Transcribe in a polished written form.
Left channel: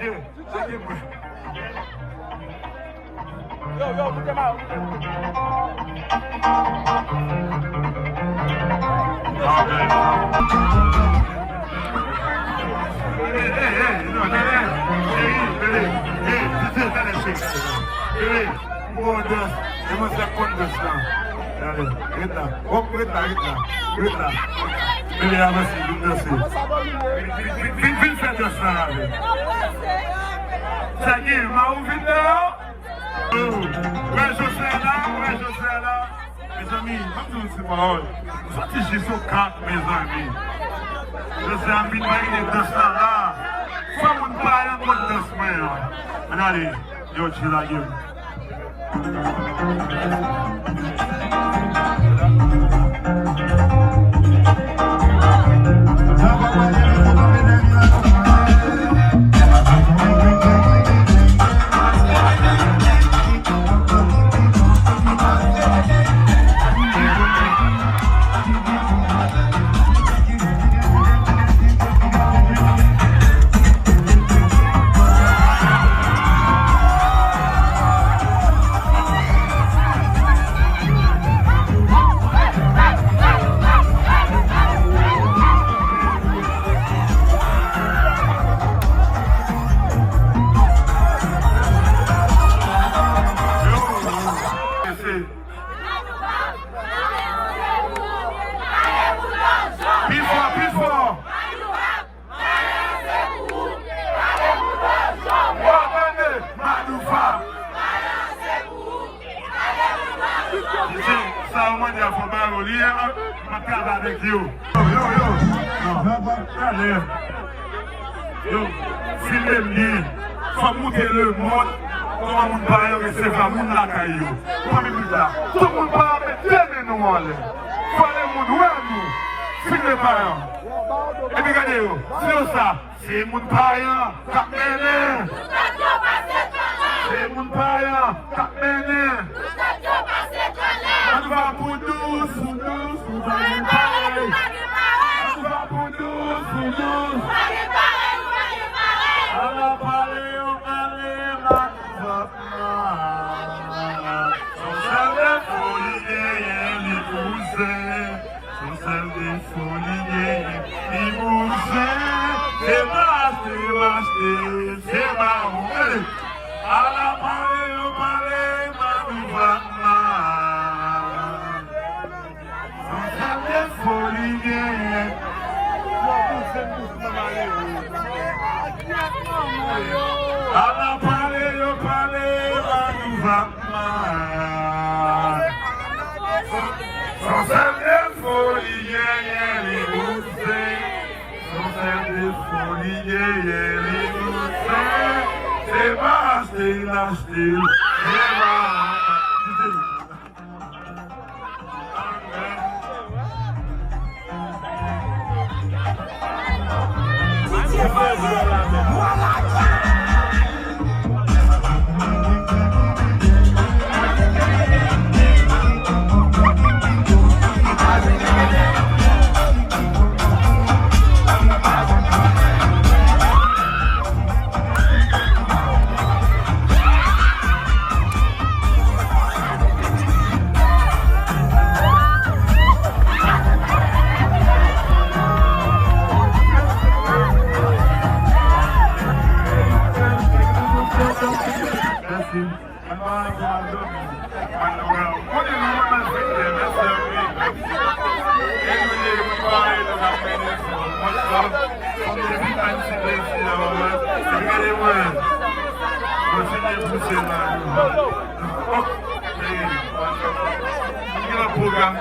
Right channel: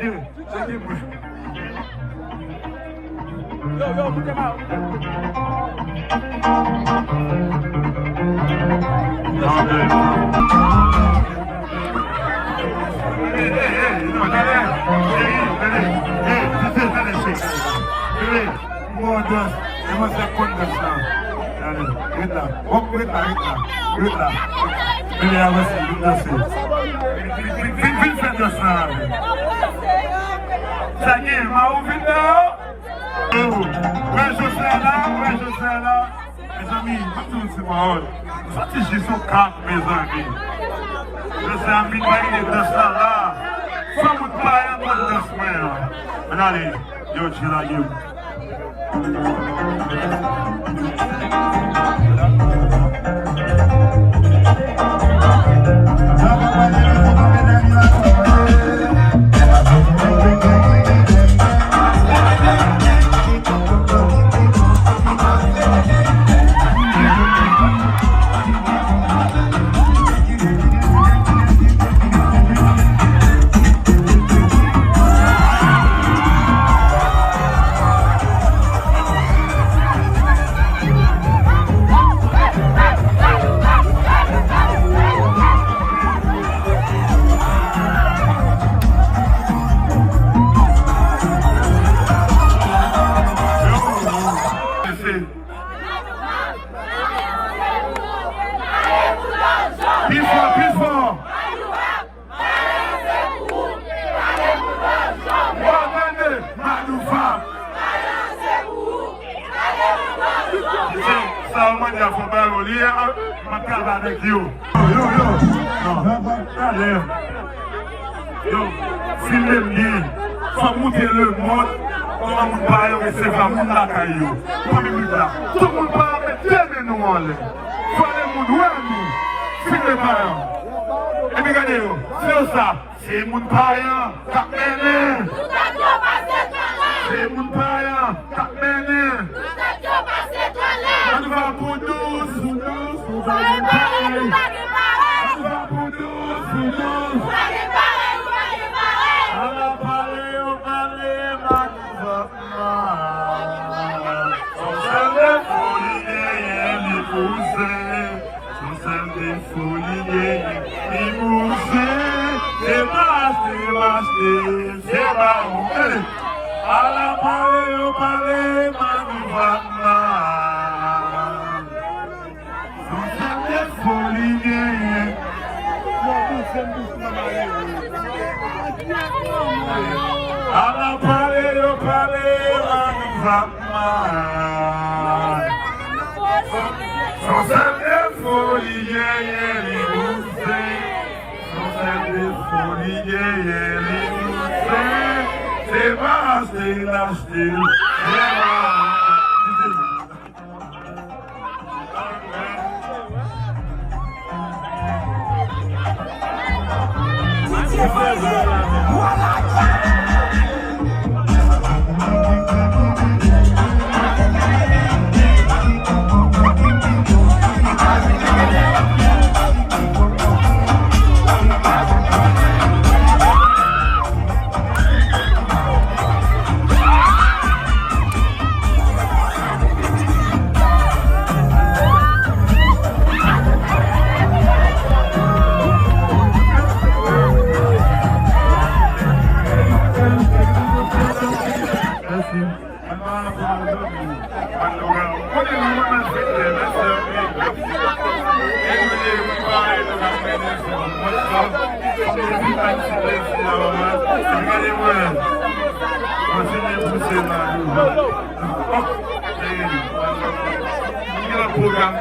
Mes amis, c'est marrant. J'ai son cap, mes amis. Les amis, de ça là. Faut vous parler de la semaine. Allez, yo, tu l'as dit. Filez bien, faut monter le monde, comment vous parlez, c'est pas mon la caillou. Tout le monde parle de Dieu, nous, faut le monde, ouais, nous, filez pas. Et puis, regardez, c'est ça, c'est mon païen, cap mené. C'est mon païen, cap mené. On va pour douce, on va pour douce, Allah parler, on s'aime des folies, les pousser, on s'aime des folies, les pousser, c'est pas, Allah parler, on s'aime des folies, Allah parler, sans des folies, les bouffées, sans des folies, les bouffées, c'est pas c'est l'acheter, c'est programme